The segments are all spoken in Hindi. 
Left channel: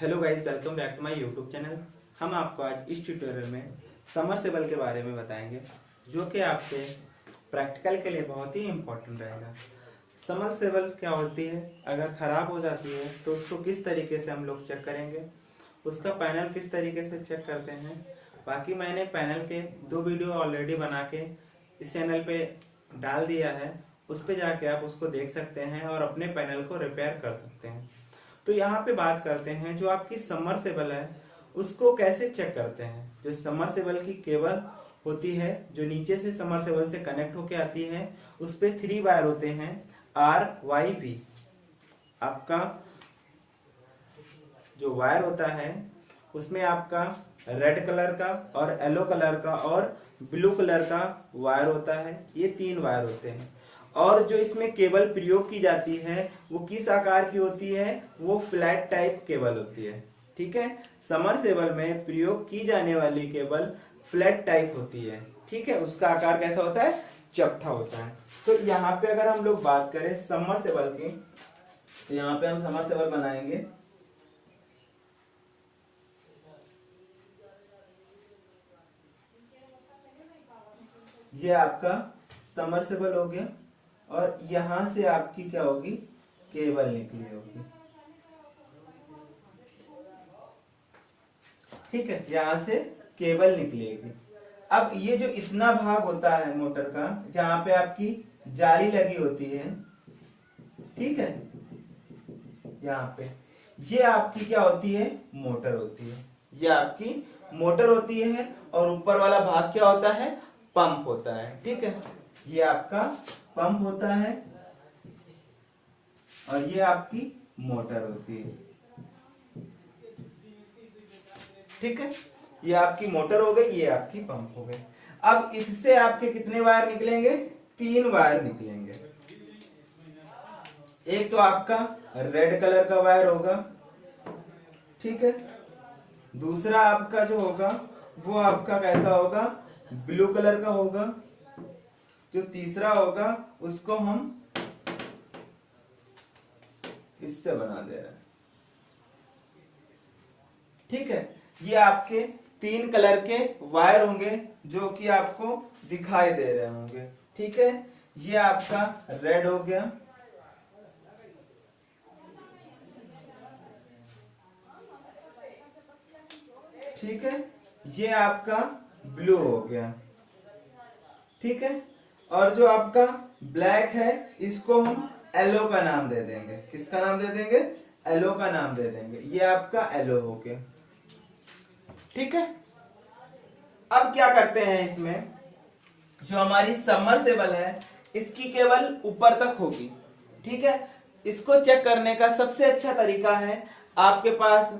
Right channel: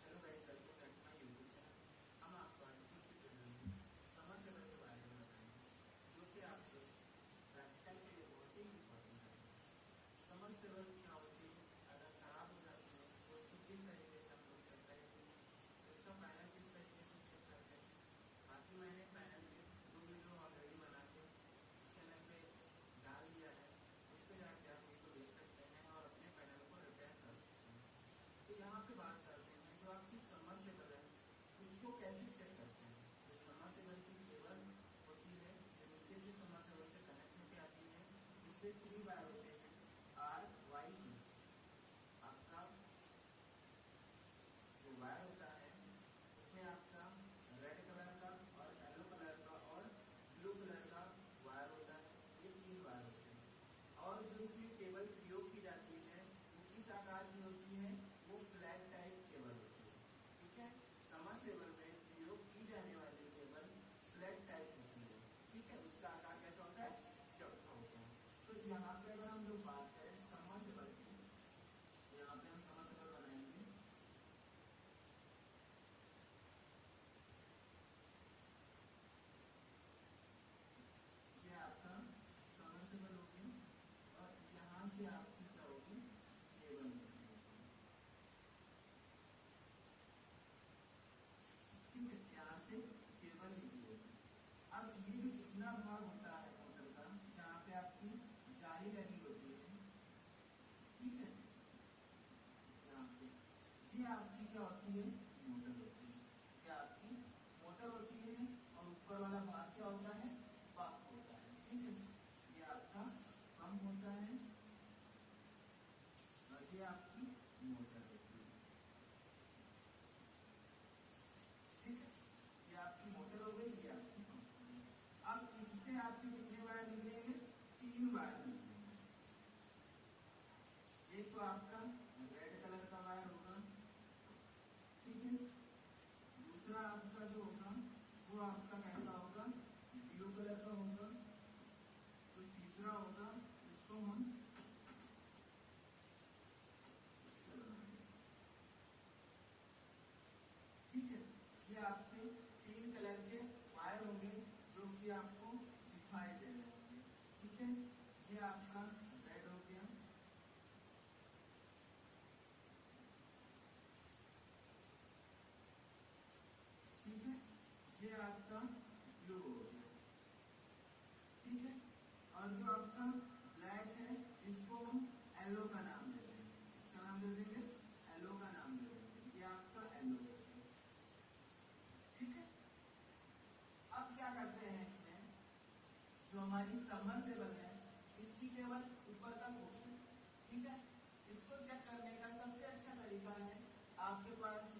Hello guys, welcome back to my YouTube channel. हम आपको आज इस ट्यूटोरियल में समरसेबल के बारे में बताएंगे, जो कि आपके प्रैक्टिकल के लिए बहुत ही इम्पोर्टेंट रहेगा। समरसेबल क्या होती है, अगर ख़राब हो जाती है तो उसको किस तरीके से हम लोग चेक करेंगे, उसका पैनल किस तरीके से चेक करते हैं। बाकी मैंने पैनल के 2 वीडियो ऑलरेडी बना के इस चैनल पे डाल दिया है, उस पर जाके आप उसको देख सकते हैं और अपने पैनल को रिपेयर कर सकते हैं। तो यहाँ पे बात करते हैं, जो आपकी समरसेबल है उसको कैसे चेक करते हैं। जो समरसेबल की केबल होती है, जो नीचे से समरसेबल से कनेक्ट होके आती है, उस पे 3 वायर होते हैं, आर वाई वी। आपका जो वायर होता है उसमें आपका रेड कलर का और येलो कलर का और ब्लू कलर का वायर होता है। ये 3 वायर होते हैं। और जो इसमें केबल प्रयोग की जाती है वो किस आकार की होती है, वो फ्लैट टाइप केबल होती है। ठीक है, समरसेबल में प्रयोग की जाने वाली केबल फ्लैट टाइप होती है। ठीक है, उसका आकार कैसा होता है, चपटा होता है। तो यहाँ पे अगर हम लोग बात करें समरसेबल की, तो यहाँ पे हम समरसेबल बनाएंगे। ये आपका समरसेबल हो गया और यहां से आपकी क्या होगी, केबल निकली होगी। ठीक है, यहां से केबल निकलेगी। अब ये जो इतना भाग होता है मोटर का, जहां पे आपकी जाली लगी होती है, ठीक है, यहाँ पे ये आपकी क्या होती है, मोटर होती है। ये आपकी मोटर होती है और ऊपर वाला भाग क्या होता है, पंप होता है। ठीक है, ये आपका पंप होता है और ये आपकी मोटर होती है। ठीक है, ये आपकी मोटर हो गई, ये आपकी पंप हो गई। अब इससे आपके कितने वायर निकलेंगे, 3 वायर निकलेंगे। एक तो आपका रेड कलर का वायर होगा, ठीक है। दूसरा आपका जो होगा वो आपका कैसा होगा, ब्लू कलर का होगा। जो तीसरा होगा उसको हम इससे बना दे रहे हैं। ठीक है, ये आपके 3 कलर के वायर होंगे जो कि आपको दिखाई दे रहे होंगे। ठीक है, ये आपका रेड हो गया, ठीक है, ये आपका ब्लू हो गया। ठीक है, और जो आपका ब्लैक है इसको हम येलो का नाम दे देंगे। किसका नाम दे देंगे, येलो का नाम दे देंगे। ये आपका येलो हो गया। ठीक है, अब क्या करते हैं, इसमें जो हमारी सबमर्सिबल है इसकी केवल ऊपर तक होगी। ठीक है, इसको चेक करने का सबसे अच्छा तरीका है, आपके पास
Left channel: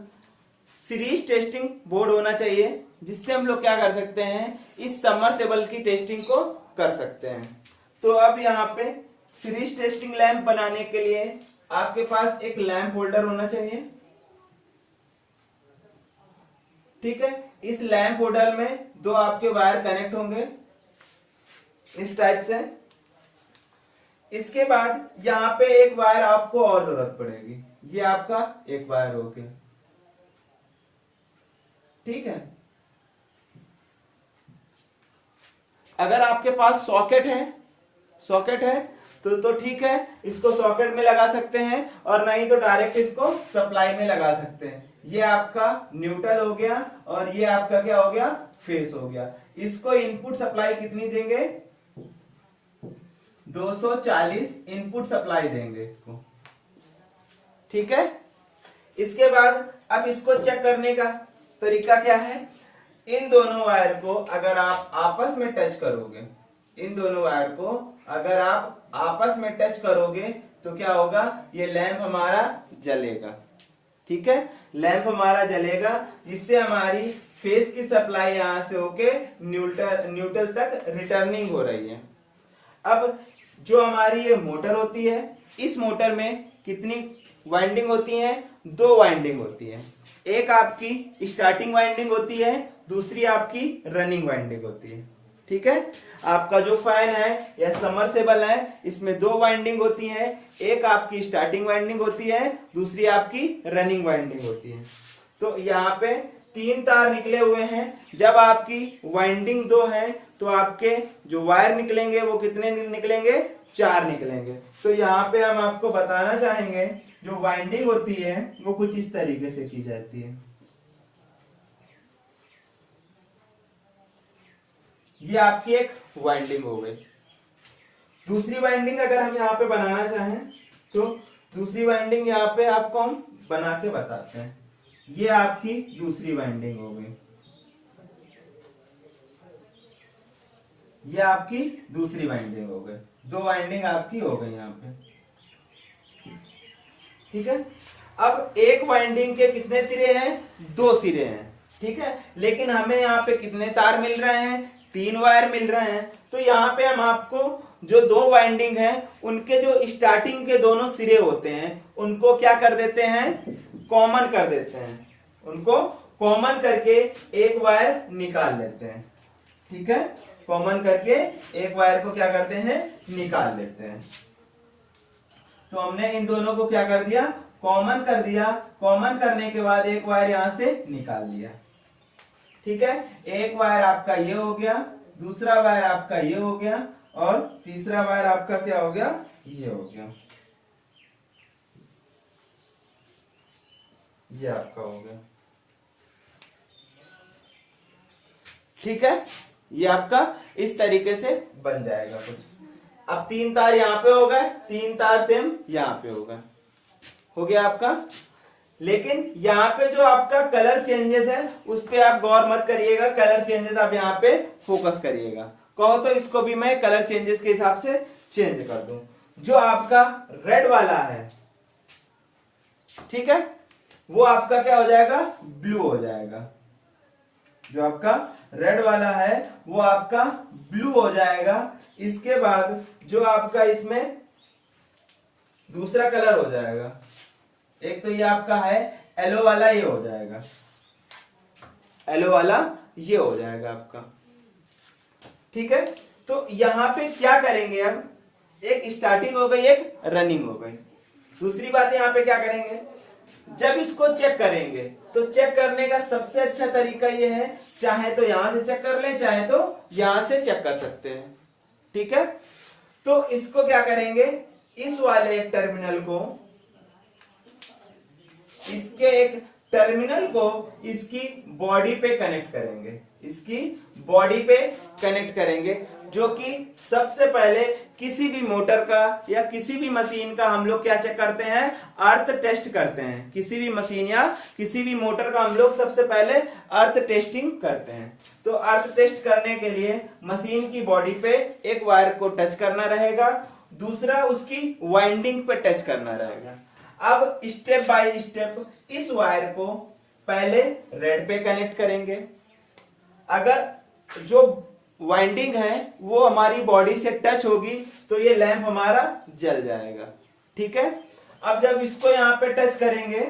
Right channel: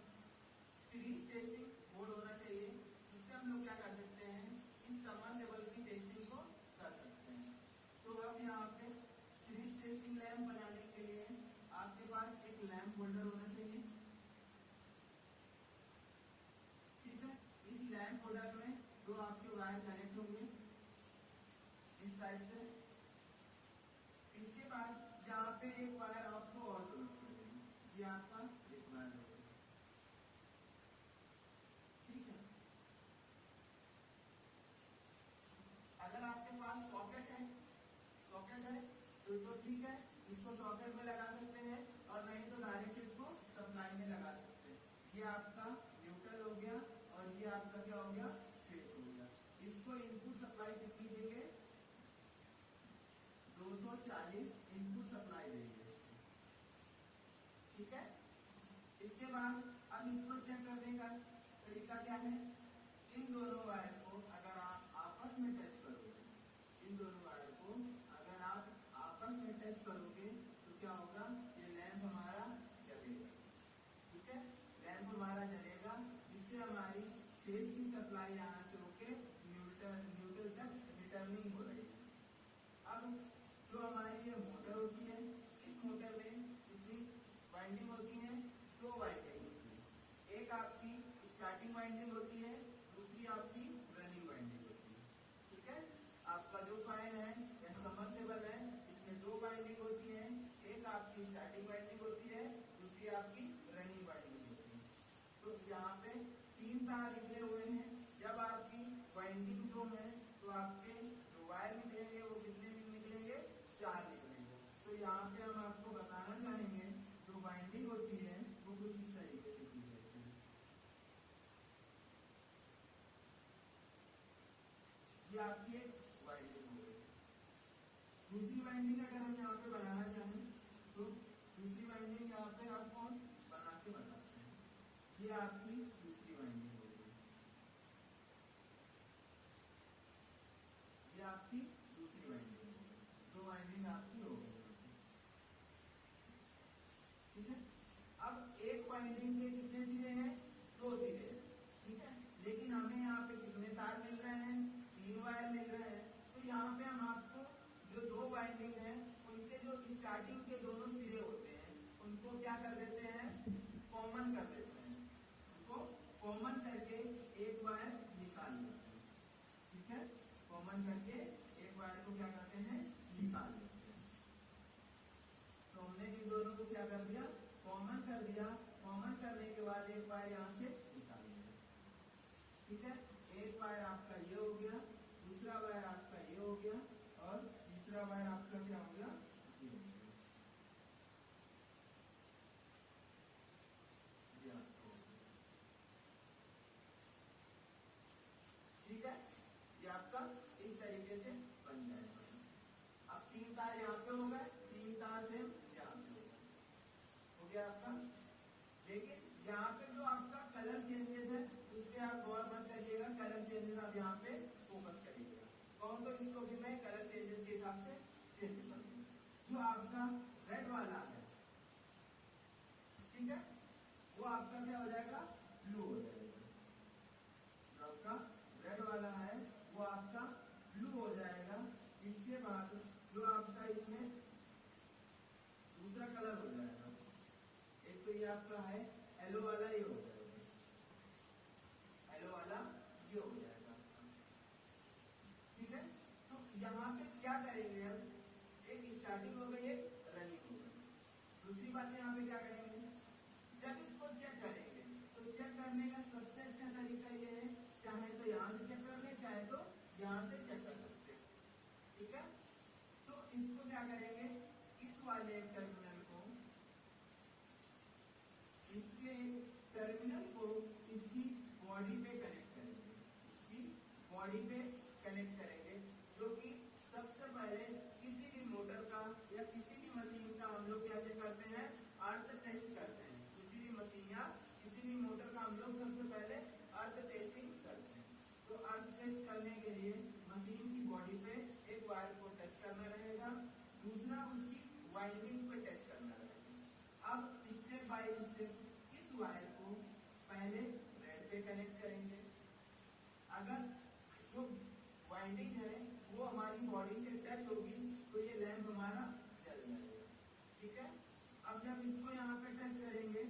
सीरीज टेस्टिंग बोर्ड होना चाहिए, जिससे हम लोग क्या कर सकते हैं, इस सबमर्सिबल की टेस्टिंग को कर सकते हैं। तो अब यहाँ पे सीरीज टेस्टिंग लैंप बनाने के लिए आपके पास एक लैंप होल्डर होना चाहिए। ठीक है, इस लैंप होल्डर में 2 आपके वायर कनेक्ट होंगे इस टाइप से। इसके बाद यहाँ पे एक वायर आपको और जरूरत पड़ेगी, ये आपका एक वायर हो गया। ठीक है, अगर आपके पास सॉकेट है तो ठीक है, इसको सॉकेट में लगा सकते हैं, और नहीं तो डायरेक्ट इसको सप्लाई में लगा सकते हैं। ये आपका न्यूट्रल हो गया और ये आपका क्या हो गया, फेस हो गया। इसको इनपुट सप्लाई कितनी देंगे, 240 इनपुट सप्लाई देंगे इसको। ठीक है, इसके बाद अब इसको चेक करने का तरीका क्या है, इन दोनों वायर को अगर आप आपस में टच करोगे, इन दोनों वायर को अगर आप आपस में टच करोगे तो क्या होगा, ये लैंप हमारा जलेगा। ठीक है, लैंप हमारा जलेगा, जिससे हमारी फेस की सप्लाई यहां से होके न्यूट्रल तक रिटर्निंग हो रही है। अब जो हमारी ये मोटर होती है, इस मोटर में कितनी वाइंडिंग होती है, 2 वाइंडिंग होती है। एक आपकी स्टार्टिंग वाइंडिंग होती है, दूसरी आपकी रनिंग वाइंडिंग होती है। ठीक है। आपका जो फैन है या समरसेबल है, इसमें दो वाइंडिंग होती है, एक आपकी स्टार्टिंग वाइंडिंग होती है, दूसरी आपकी रनिंग वाइंडिंग होती है। तो यहाँ पे 3 तार निकले हुए हैं। जब आपकी वाइंडिंग 2 है तो आपके जो वायर निकलेंगे वो कितने निकलेंगे, 4 निकलेंगे। तो यहाँ पे हम आपको बताना चाहेंगे जो वाइंडिंग होती है वो कुछ इस तरीके से की जाती है। ये आपकी एक वाइंडिंग हो गई। दूसरी वाइंडिंग अगर हम यहाँ पे बनाना चाहें तो दूसरी वाइंडिंग यहाँ पे आपको हम बना के बताते हैं। ये आपकी दूसरी वाइंडिंग हो गई, ये आपकी दूसरी वाइंडिंग हो गई। 2 वाइंडिंग आपकी हो गई यहाँ पे, ठीक है। अब एक वाइंडिंग के कितने सिरे हैं, 2 सिरे हैं, ठीक है। लेकिन हमें यहाँ पे कितने तार मिल रहे हैं, 3 वायर मिल रहे हैं। तो यहाँ पे हम आपको जो 2 वाइंडिंग है उनके जो स्टार्टिंग के दोनों सिरे होते हैं उनको क्या कर देते हैं, कॉमन कर देते हैं। उनको कॉमन करके एक वायर निकाल लेते हैं, ठीक है। कॉमन करके एक वायर को क्या करते हैं, निकाल लेते हैं। तो हमने इन दोनों को क्या कर दिया, कॉमन कर दिया। कॉमन करने के बाद एक वायर यहां से निकाल लिया, ठीक है। एक वायर आपका ये हो गया, दूसरा वायर आपका ये हो गया, और तीसरा वायर आपका क्या हो गया, ये हो गया, ये आपका हो गया, ठीक है। ये आपका इस तरीके से बन जाएगा कुछ। अब 3 तार यहाँ पे हो गए, 3 तार सेम यहाँ पे हो गए, हो गया आपका। लेकिन यहाँ पे जो आपका कलर चेंजेस है उस पे आप गौर मत करिएगा, कलर चेंजेस आप यहाँ पे फोकस करिएगा। कहो तो इसको भी मैं कलर चेंजेस के हिसाब से चेंज कर दूं। जो आपका रेड वाला है, ठीक है, वो आपका क्या हो जाएगा, ब्लू हो जाएगा। जो आपका रेड वाला है वो आपका ब्लू हो जाएगा। इसके बाद जो आपका इसमें दूसरा कलर हो जाएगा, एक तो ये आपका है येलो वाला, ये हो जाएगा येलो वाला, ये हो जाएगा आपका, ठीक है। तो यहां पे क्या करेंगे, अब एक स्टार्टिंग हो गई, एक रनिंग हो गई। दूसरी बात यहां पे क्या करेंगे, जब इसको चेक करेंगे तो चेक करने का सबसे अच्छा तरीका ये है, चाहे तो यहां से चेक कर ले, चाहे तो यहां से चेक कर सकते हैं, ठीक है। तो इसको क्या करेंगे, इस वाले एक टर्मिनल को, इसके एक टर्मिनल को इसकी बॉडी पे कनेक्ट करेंगे, इसकी बॉडी पे कनेक्ट करेंगे। जो कि सबसे पहले किसी भी मोटर का या किसी भी मशीन का हम लोग क्या चेक करते हैं, अर्थ टेस्ट करते हैं। किसी भी मशीन या किसी भी मोटर का हम लोग सबसे पहले अर्थ टेस्टिंग करते हैं। तो अर्थ टेस्ट करने के लिए मशीन की बॉडी पे एक वायर को टच करना रहेगा, दूसरा उसकी वाइंडिंग पे टच करना रहेगा। अब स्टेप बाय स्टेप इस वायर को पहले रेड पे कनेक्ट करेंगे। अगर जो वाइंडिंग है वो हमारी बॉडी से टच होगी तो ये लैंप हमारा जल जाएगा, ठीक है। अब जब इसको यहाँ पे टच करेंगे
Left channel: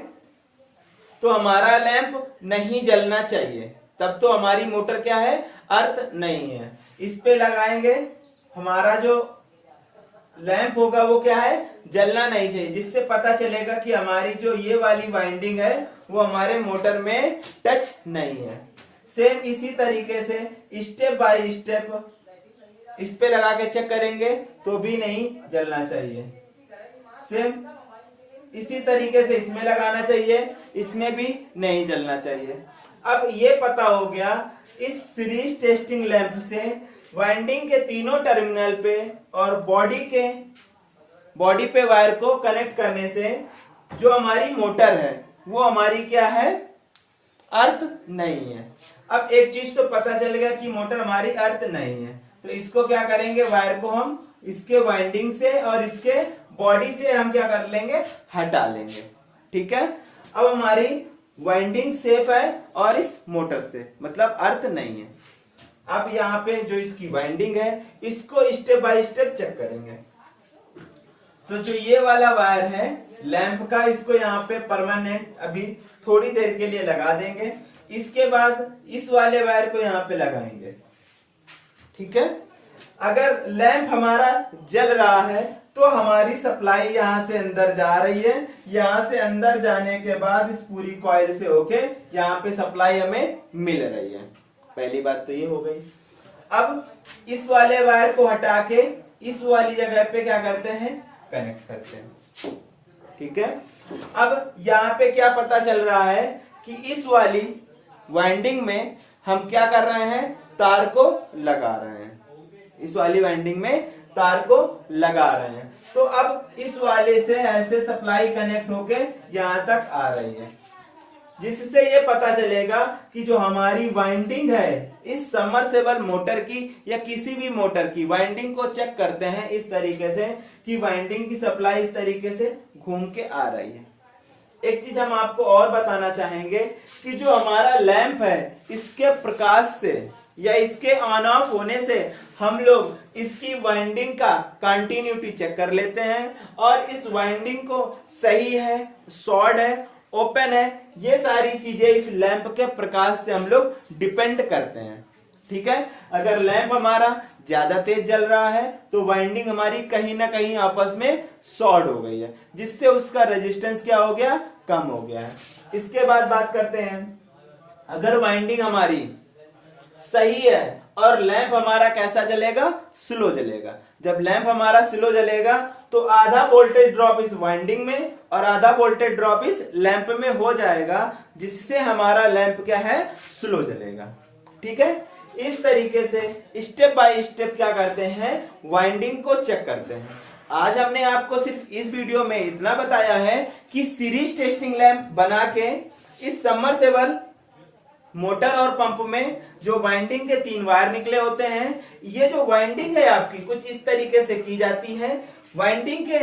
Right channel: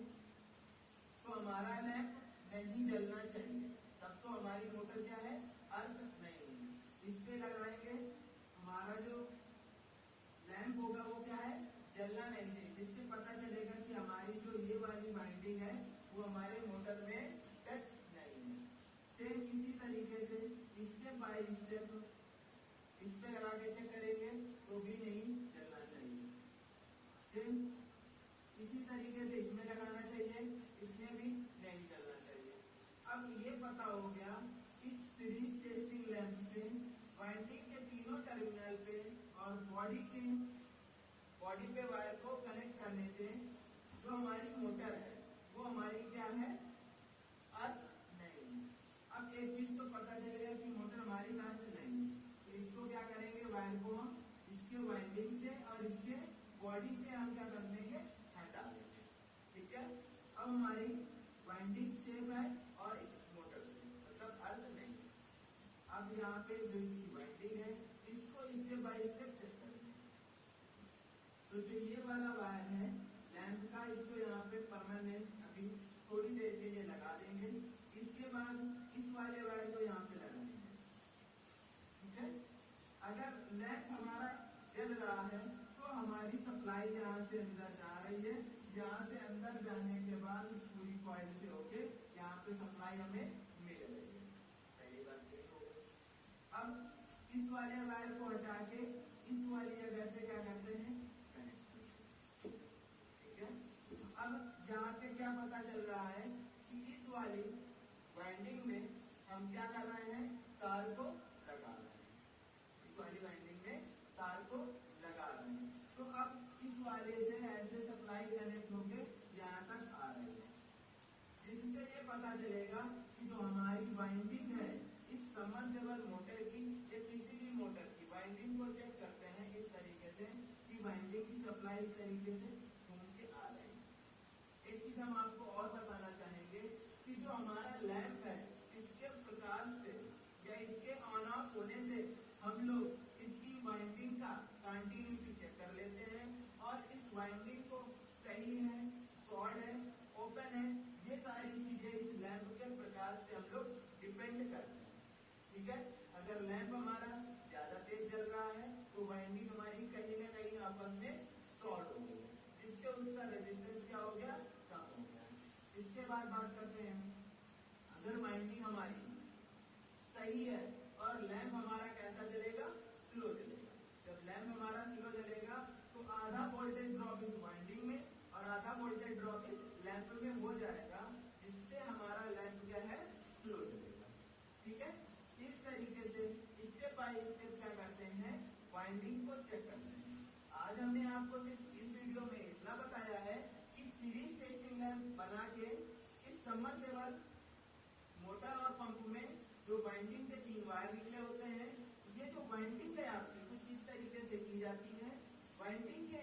तो हमारा लैंप नहीं जलना चाहिए, तब तो हमारी मोटर क्या है, अर्थ नहीं है। इस पे लगाएंगे, हमारा जो लैंप होगा वो क्या है, जलना नहीं चाहिए, जिससे पता चलेगा कि हमारी जो ये वाली वाइंडिंग है वो हमारे मोटर में टच नहीं है। सेम इसी तरीके से स्टेप बाय स्टेप इस पे लगा के चेक करेंगे तो भी नहीं जलना चाहिए। सेम इसी तरीके से इसमें लगाना चाहिए, इसमें भी नहीं जलना चाहिए। अब ये पता हो गया, इस सीरीज टेस्टिंग लैंप से वाइंडिंग के तीनों टर्मिनल पे और बॉडी पे वायर को कनेक्ट करने से जो हमारी मोटर है वो हमारी क्या है, अर्थ नहीं है। अब एक चीज तो पता चल गया कि मोटर हमारी अर्थ नहीं है, तो इसको क्या करेंगे, वायर को हम इसके वाइंडिंग से और इसके बॉडी से हम क्या कर लेंगे, हटा लेंगे, ठीक है। अब हमारी वाइंडिंग सेफ है और इस मोटर से मतलब अर्थ नहीं है। अब यहाँ पे जो इसकी वाइंडिंग है इसको स्टेप बाय स्टेप चेक करेंगे। तो जो ये वाला वायर है लैंप का, इसको यहाँ पे परमानेंट अभी थोड़ी देर के लिए लगा देंगे। इसके बाद इस वाले वायर को यहाँ पे लगाएंगे, ठीक है। अगर लैंप हमारा जल रहा है तो हमारी सप्लाई यहां से अंदर जा रही है, यहां से अंदर जाने के बाद इस पूरी कॉइल से होके यहाँ पे सप्लाई हमें मिल रही है। पहली बात तो ये हो गई। अब इस वाले वायर को हटा के इस वाली जगह पे क्या करते हैं, कनेक्ट करते हैं। ठीक है। अब यहाँ पे क्या पता चल रहा है कि इस वाली वाइंडिंग में हम क्या कर रहे हैं, तार को लगा रहे हैं। इस वाली वाइंडिंग में तार को लगा रहे हैं। तो अब इस वाले से ऐसे सप्लाई कनेक्ट होके यहां तक आ रही है, जिससे ये पता चलेगा कि जो हमारी वाइंडिंग है इस सबमर्सिबल मोटर की या किसी भी मोटर की वाइंडिंग को चेक करते हैं इस तरीके से कि वाइंडिंग की सप्लाई इस तरीके से घूम के आ रही है। एक चीज हम आपको और बताना चाहेंगे कि जो हमारा लैंप है इसके प्रकाश से या इसके ऑन ऑफ होने से हम लोग इसकी वाइंडिंग का कंटिन्यूटी चेक कर लेते हैं और इस वाइंडिंग को सही है, शॉर्ट है, ओपन है, ये सारी चीजें इस लैंप के प्रकाश से हम लोग डिपेंड करते हैं। ठीक है। अगर लैंप हमारा ज्यादा तेज जल रहा है तो वाइंडिंग हमारी कहीं ना कहीं आपस में शॉर्ट हो गई है, जिससे उसका रेजिस्टेंस क्या हो गया, कम हो गया है। इसके बाद बात करते हैं, अगर वाइंडिंग हमारी सही है और लैंप हमारा कैसा जलेगा, स्लो जलेगा। जब लैंप हमारा स्लो जलेगा तो आधा वोल्टेज ड्रॉप इस वाइंडिंग में और आधा वोल्टेज ड्रॉप इस लैंप में हो जाएगा, जिससे हमारा लैंप क्या है, स्लो जलेगा। ठीक है। इस तरीके से स्टेप बाय स्टेप क्या करते हैं, वाइंडिंग को चेक करते हैं। आज हमने आपको सिर्फ इस वीडियो में इतना बताया है कि सीरीज टेस्टिंग लैंप बना के इस सबमर्सिबल मोटर और पंप में जो वाइंडिंग के 3 वायर निकले होते हैं, ये जो वाइंडिंग है आपकी कुछ इस तरीके से की जाती है। वाइंडिंग के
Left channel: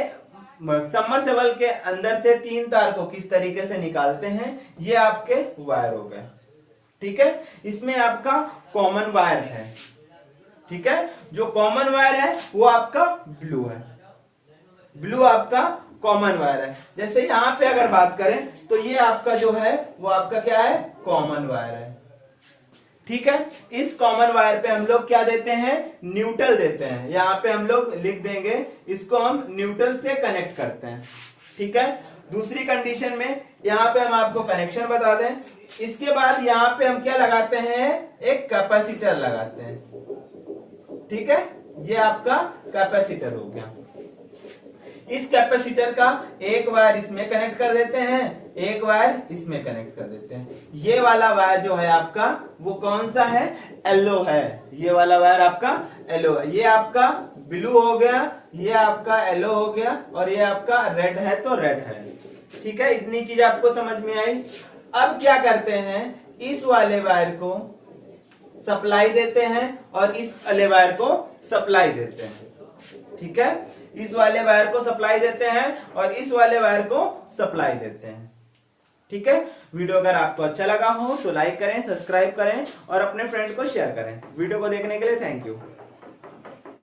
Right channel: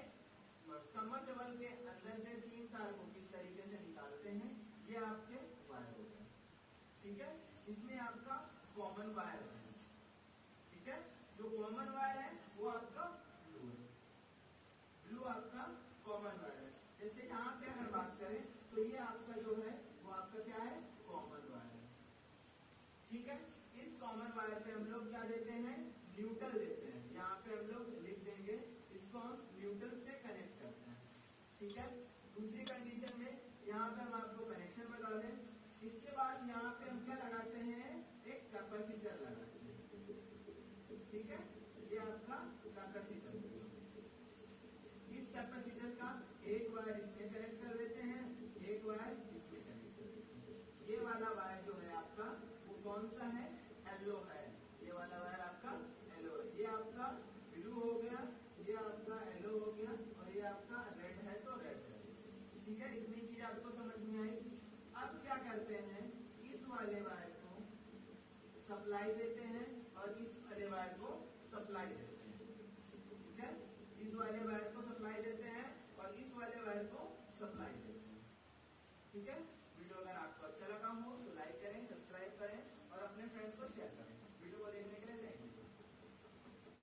सबमर्सिबल के अंदर से 3 तार को किस तरीके से निकालते हैं, ये आपके वायर हो गए। ठीक है। इसमें आपका कॉमन वायर है। ठीक है। जो कॉमन वायर है वो आपका ब्लू है, ब्लू आपका कॉमन वायर है। जैसे यहां पे अगर बात करें तो ये आपका जो है वो आपका क्या है, कॉमन वायर है। ठीक है। इस कॉमन वायर पे हम लोग क्या देते हैं, न्यूट्रल देते हैं। यहाँ पे हम लोग लिख देंगे, इसको हम न्यूट्रल से कनेक्ट करते हैं। ठीक है। दूसरी कंडीशन में यहाँ पे हम आपको कनेक्शन बता दें, इसके बाद यहाँ पे हम क्या लगाते हैं, एक कैपेसिटर लगाते हैं। ठीक है। ये आपका कैपेसिटर हो गया। इस कैपेसिटर का एक वायर इसमें कनेक्ट कर देते हैं, एक वायर इसमें कनेक्ट कर देते हैं। ये वाला वायर जो है आपका वो कौन सा है, येलो है। ये वाला वायर आपका येलो है। ये आपका ब्लू हो गया, ये आपका येलो हो गया और ये आपका रेड है तो रेड है। ठीक है। इतनी चीज आपको समझ में आई। अब क्या करते हैं, इस वाले वायर को सप्लाई देते हैं और इस वाले वायर को सप्लाई देते हैं। ठीक है। इस वाले वायर को सप्लाई देते हैं और इस वाले वायर को सप्लाई देते हैं। ठीक है। वीडियो अगर आपको अच्छा लगा हो तो लाइक करें, सब्सक्राइब करें और अपने फ्रेंड को शेयर करें। वीडियो को देखने के लिए थैंक यू।